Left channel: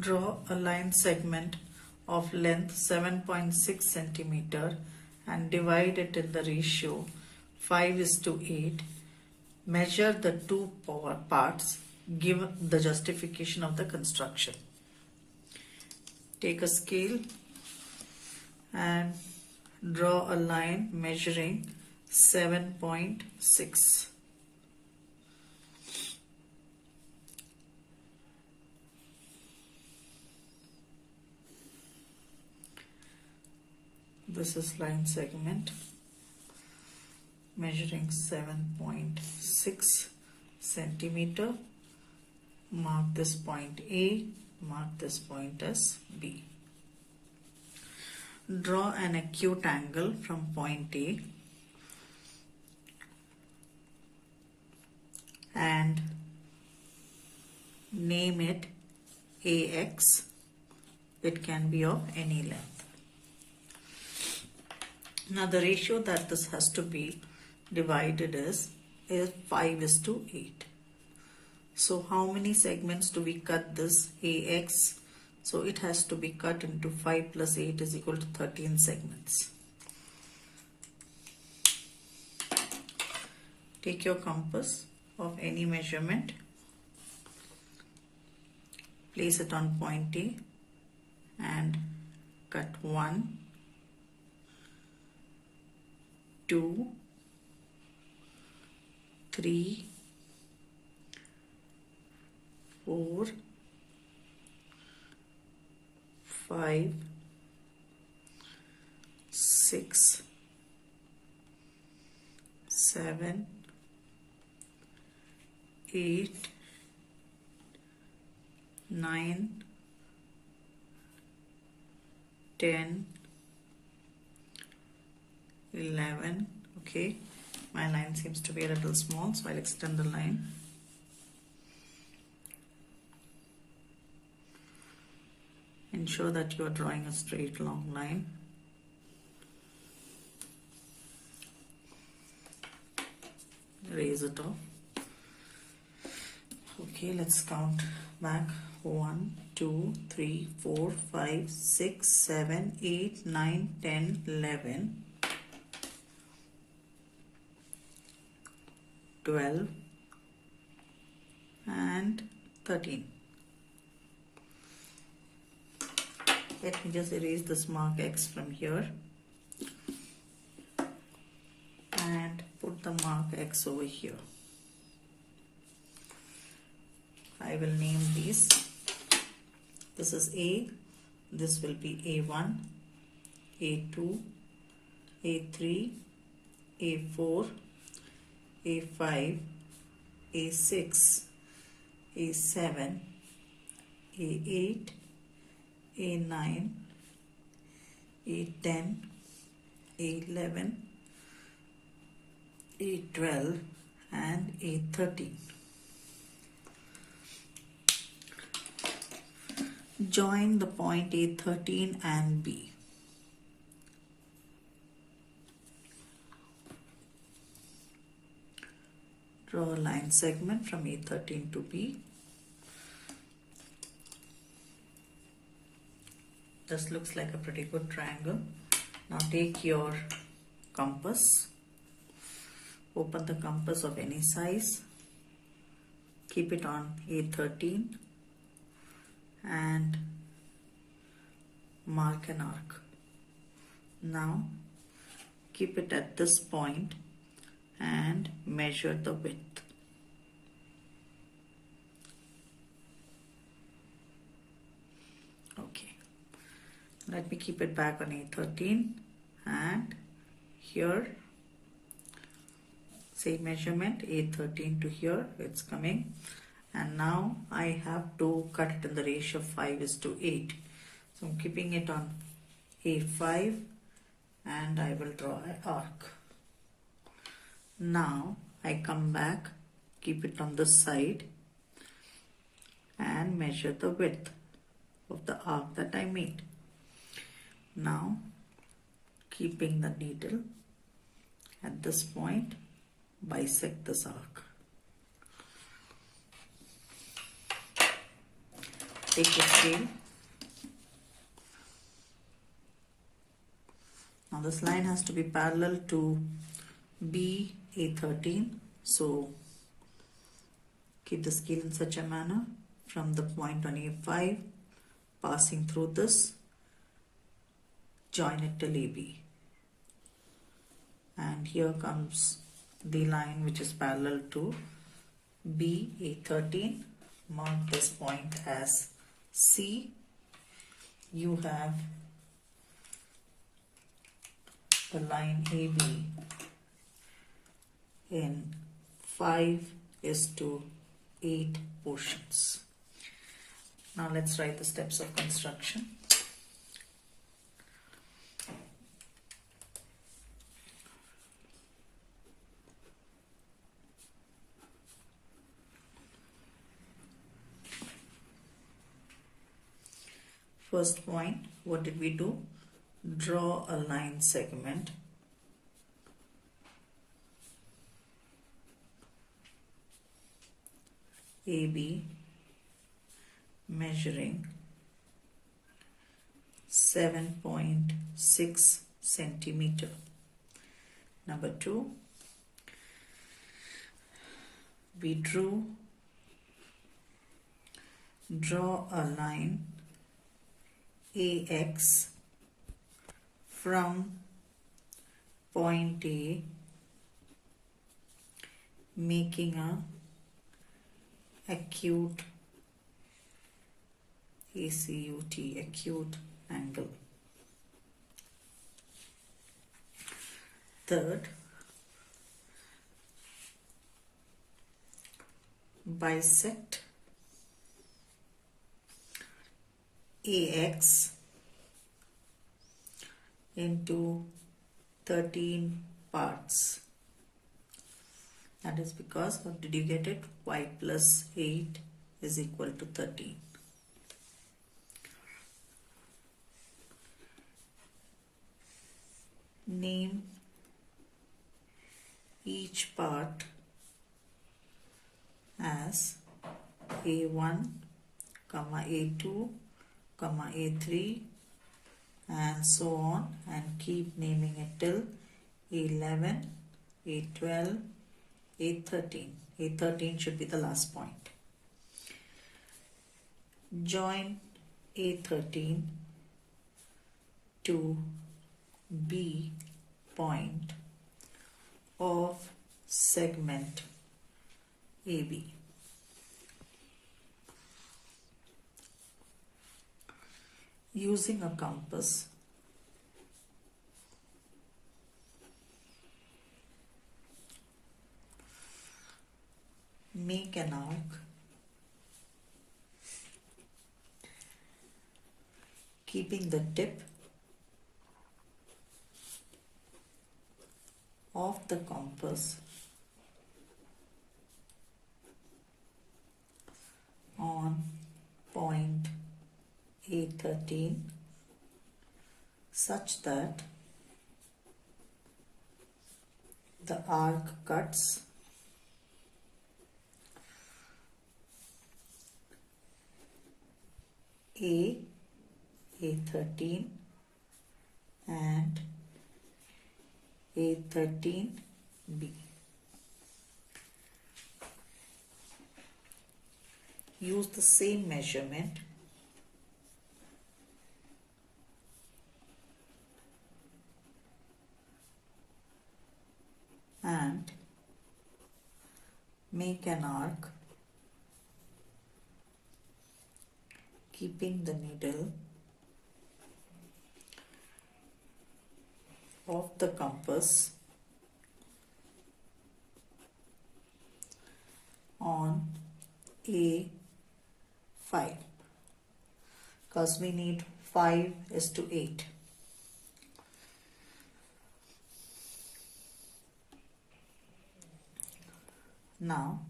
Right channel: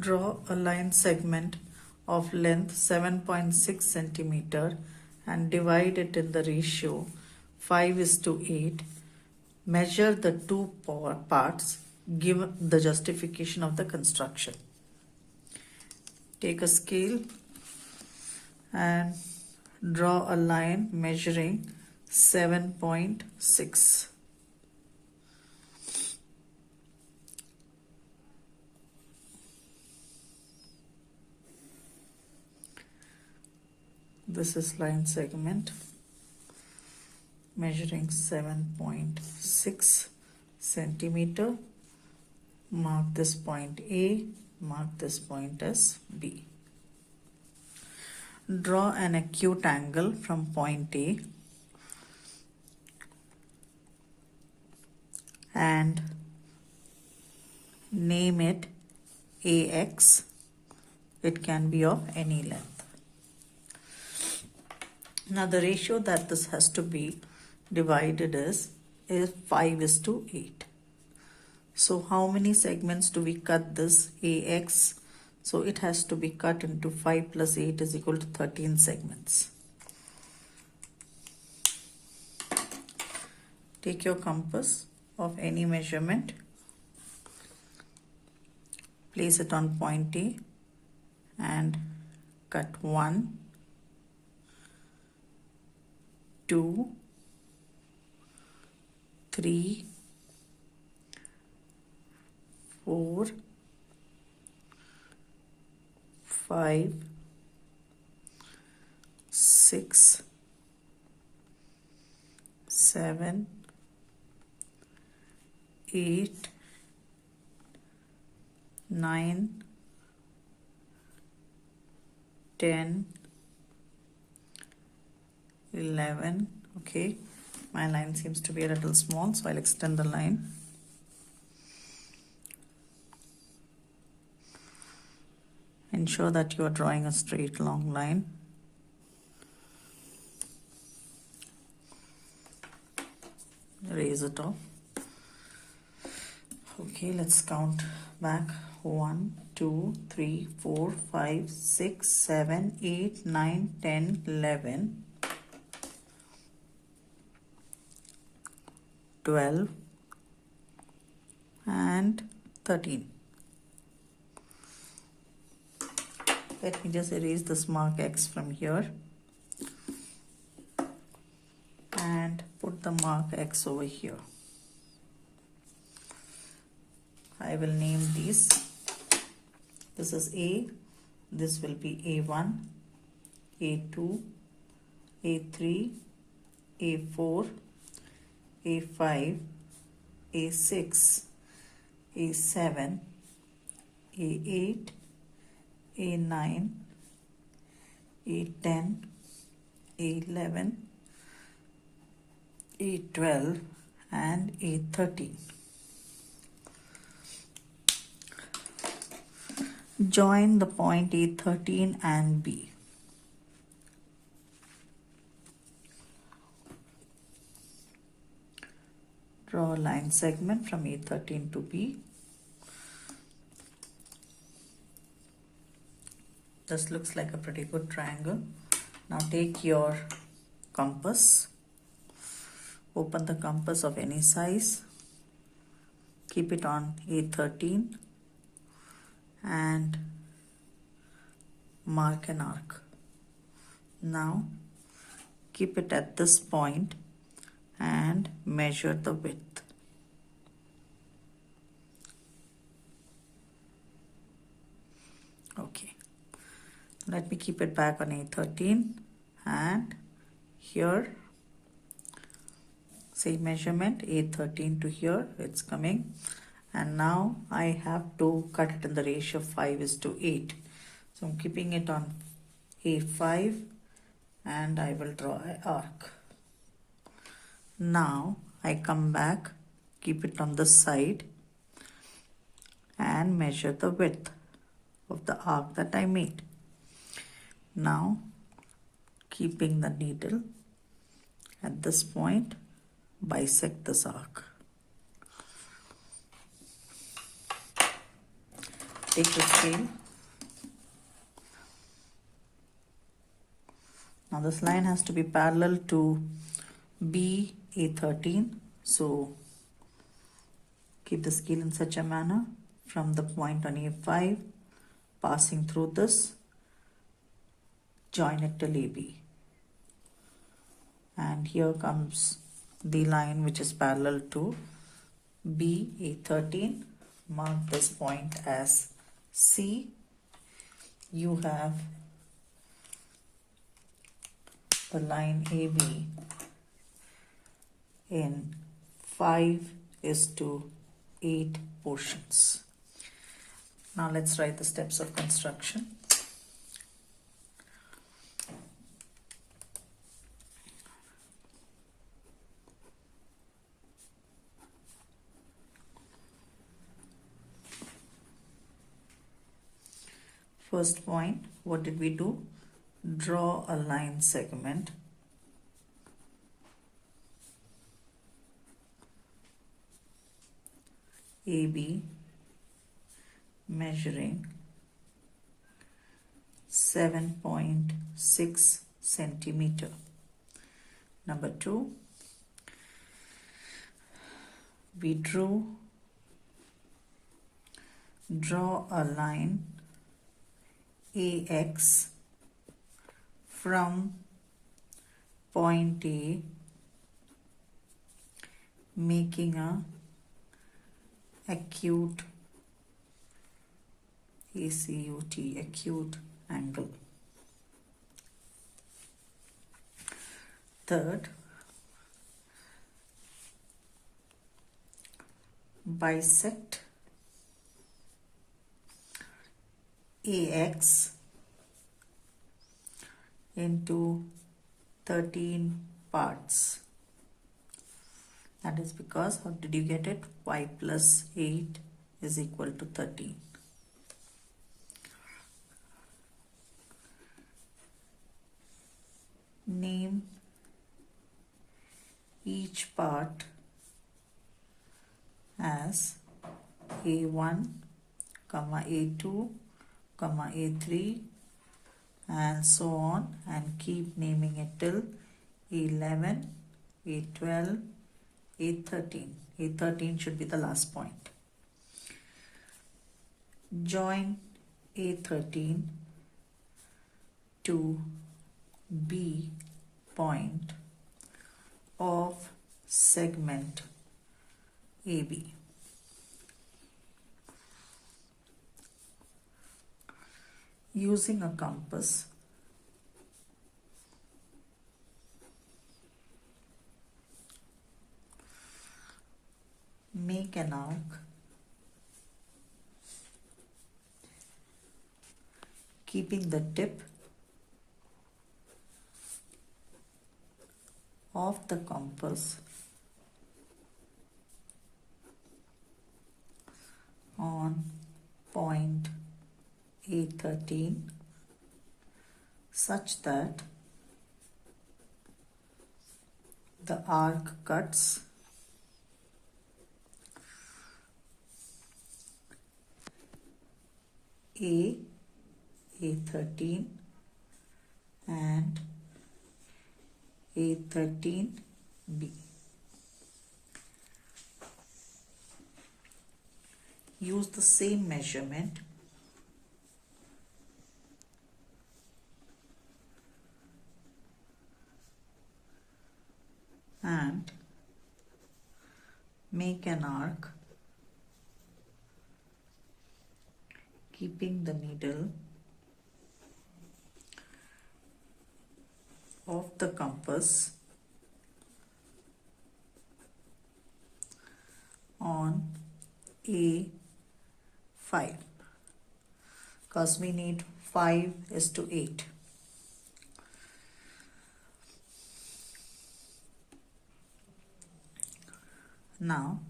Draw a line segment of length 7.6 centimeter and divide it in the ratio 5:8. Measure the two parts. Give the justification of the construction. Take a scale and draw a line measuring 7.6. This is line segment measuring 7.6 centimeter. Mark this point A, mark this point as B. Draw an acute angle from point A and name it AX. It can be of any length. Now the ratio that this has to be divided is 5:8. So how many segments do we cut this AX? So it has to be cut into 5 plus 8 is equal to 13 segments. Take your compass of any measurement, place it on point A and cut 1, 2, 3, 4, 5, 6, 7, 8, 9, 10, 11. Okay, my line seems to be a little small, so I'll extend the line. Ensure that you are drawing a straight long line. Erase it off. Okay, let's count back. 1, 2, 3, 4, 5, 6, 7, 8, 9, 10, 11, 12 and 13. Let me just erase this mark X from here and put the mark X over here. I will name these. This is A, this will be A1, A2, A3, A4, A5, A6, A7, A8, A9, A10, A11, A12 and A13. Join the point A13 and B. Draw a line segment from A13 to B. This looks like a pretty good triangle. Now take your compass. Open the compass of any size. Keep it on A13 and mark an arc. Now keep it at this point and measure the width. Okay, let me keep it back on A13 and here same measurement A13 to here it's coming, and now I have to cut it in the ratio 5:8. So I'm keeping it on A5 and I will draw an arc. Now I come back, keep it on the side and measure the width of the arc that I made. Now keeping the needle at this point, bisect this arc. Take the scale. Now this line has to be parallel to B A13. So keep the scale in such a manner from the point on A5, passing through this, join it till AB. And here comes the line which is parallel to B A13. Mark this point as C. You have the line AB in 5:8 portions. Now let's write the steps of construction. First point, what did we do? Draw a line segment AB measuring 7.6 centimeter. Number 2, we draw a line AX from point A, making a acute acute angle. Third, bisect AX into 13 parts. That is because, how did you get it? 5 plus 8 is equal to 13. Name each part as A1, A2, A3 and so on, and keep naming it till A11, A12, A13. A13 should be the last point. Join A13 to B point of segment AB. Using a compass, make an arc keeping the tip of the compass on point A13 such that the arc cuts A13 and A13B. Use the same measurement and make an arc keeping the needle of the compass on A5 because we need 5:8. Now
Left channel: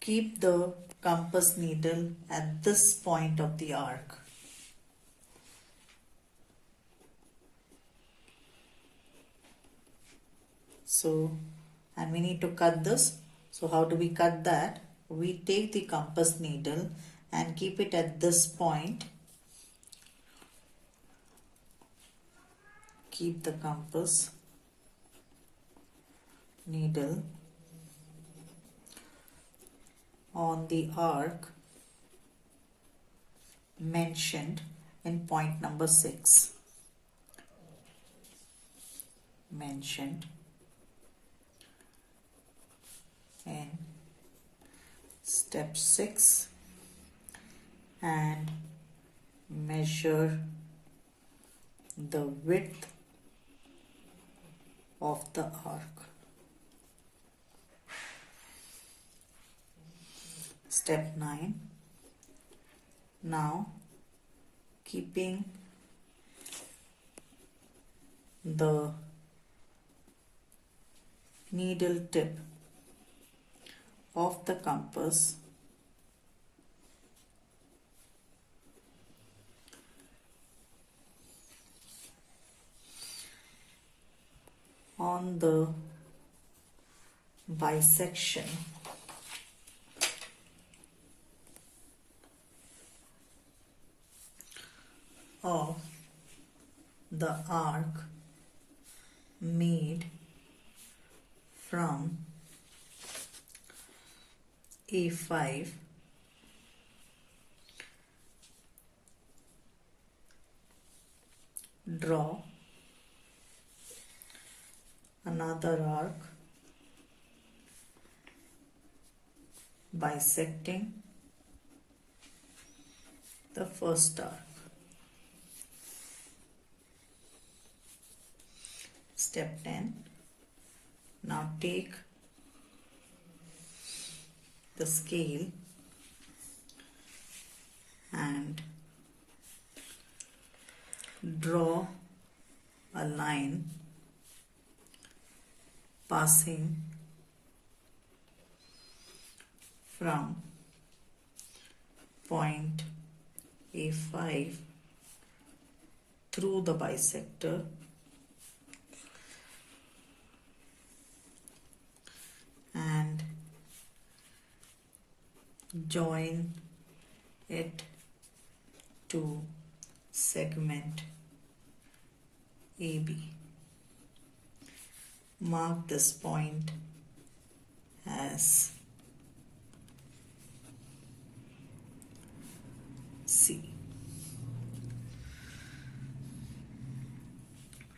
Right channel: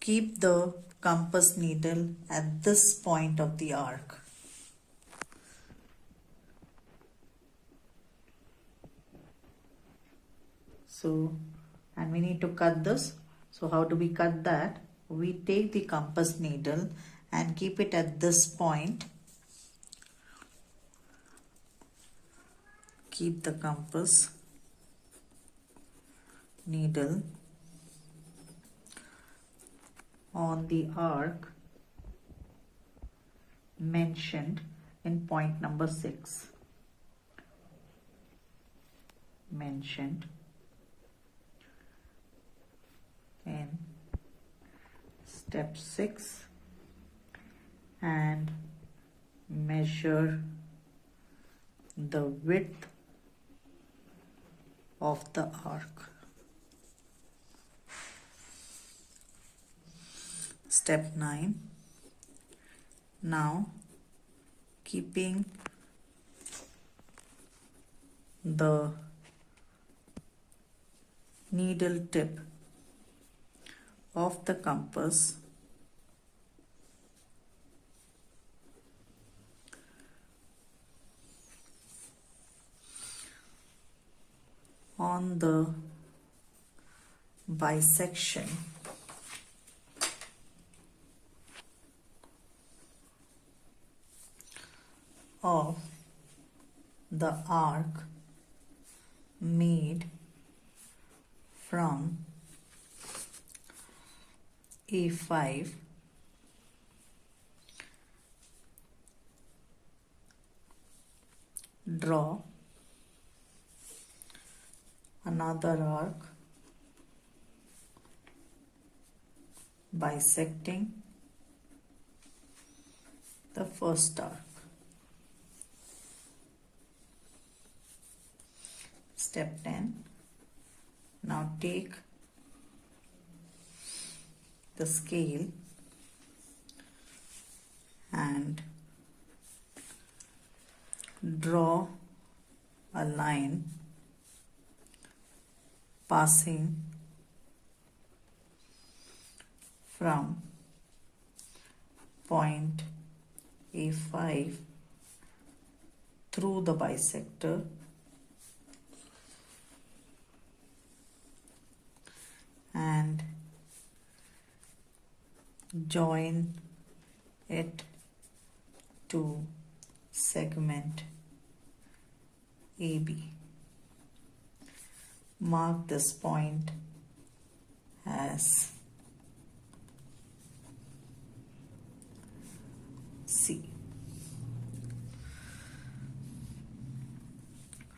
keep the compass needle at this point of the arc. So, and we need to cut this. So how do we cut that? We take the compass needle and keep it at this point. Keep the compass needle on the arc mentioned in point number 6. Mentioned in step 6 and measure the width of the arc. Step 9. Now, keeping the needle tip of the compass on the bisection of the arc made from A5 draw another arc bisecting the first arc. Step 10. Now take the scale and draw a line passing from point A5 through the bisector and join it to segment AB. Mark this point as C.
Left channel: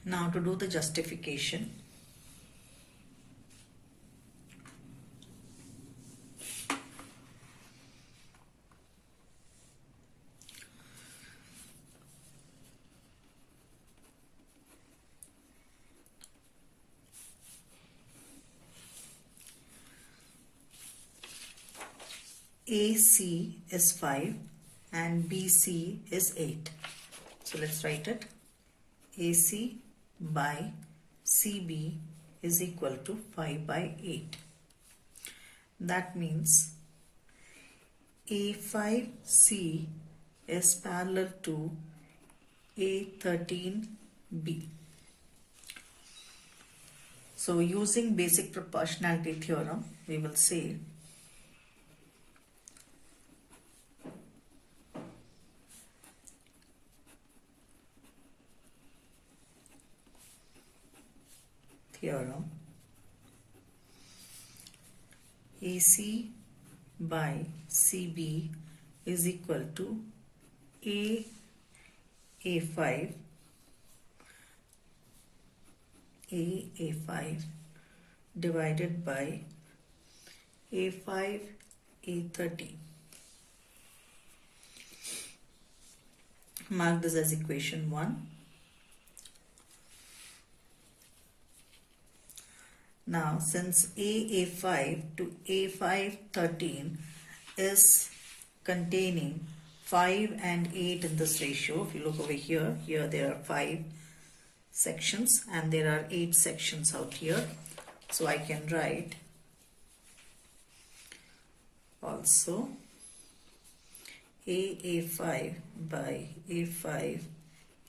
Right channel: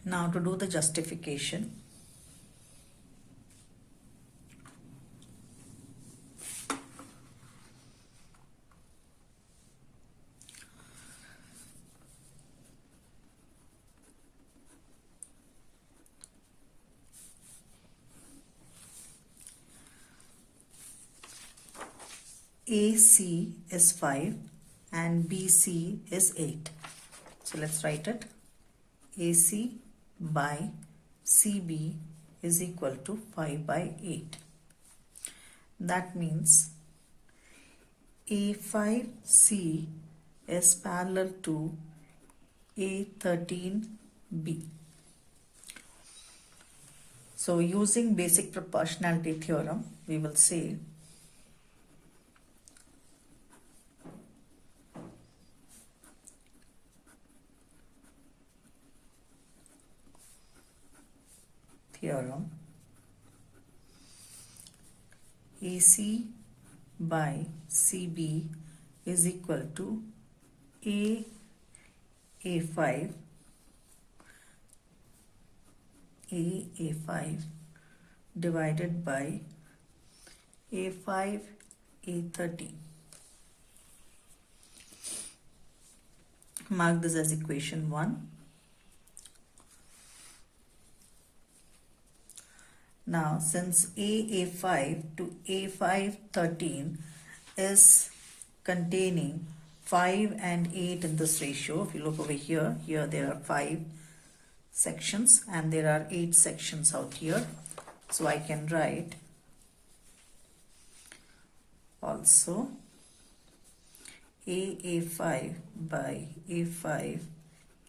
Now to do the justification, AC is 5 and BC is 8. So let's write it. AC by CB is equal to 5 by 8. That means A5C is parallel to A13B. So using basic proportionality theorem, we will say AC by CB is equal to A5 divided by A5 A13. Mark this as equation 1. Now, since A5 to A513 is containing 5 and 8 in this ratio, if you look over here, there are 5 sections and there are 8 sections out here. So I can write also A5 by A5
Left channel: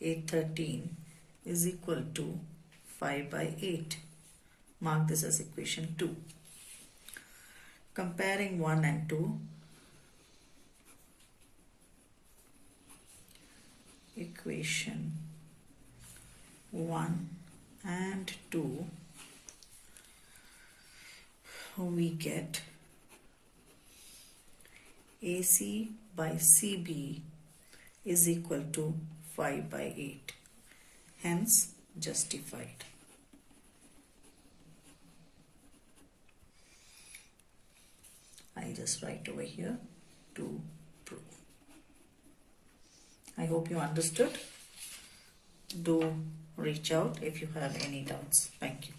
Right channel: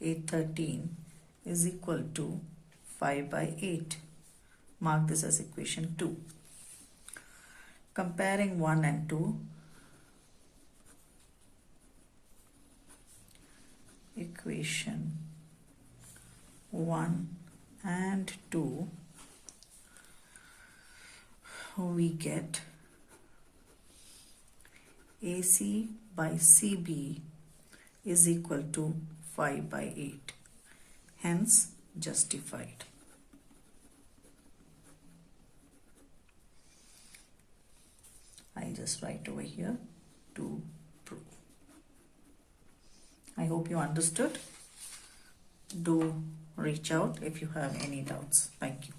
A13 is equal to 5 by 8. Mark this as equation 2. Comparing 1 and 2, equation 1 and 2, we get AC by CB is equal to 5 by 8, hence justified. I'll just write over here to prove. I hope you understood. Do reach out if you have any doubts. Thank you.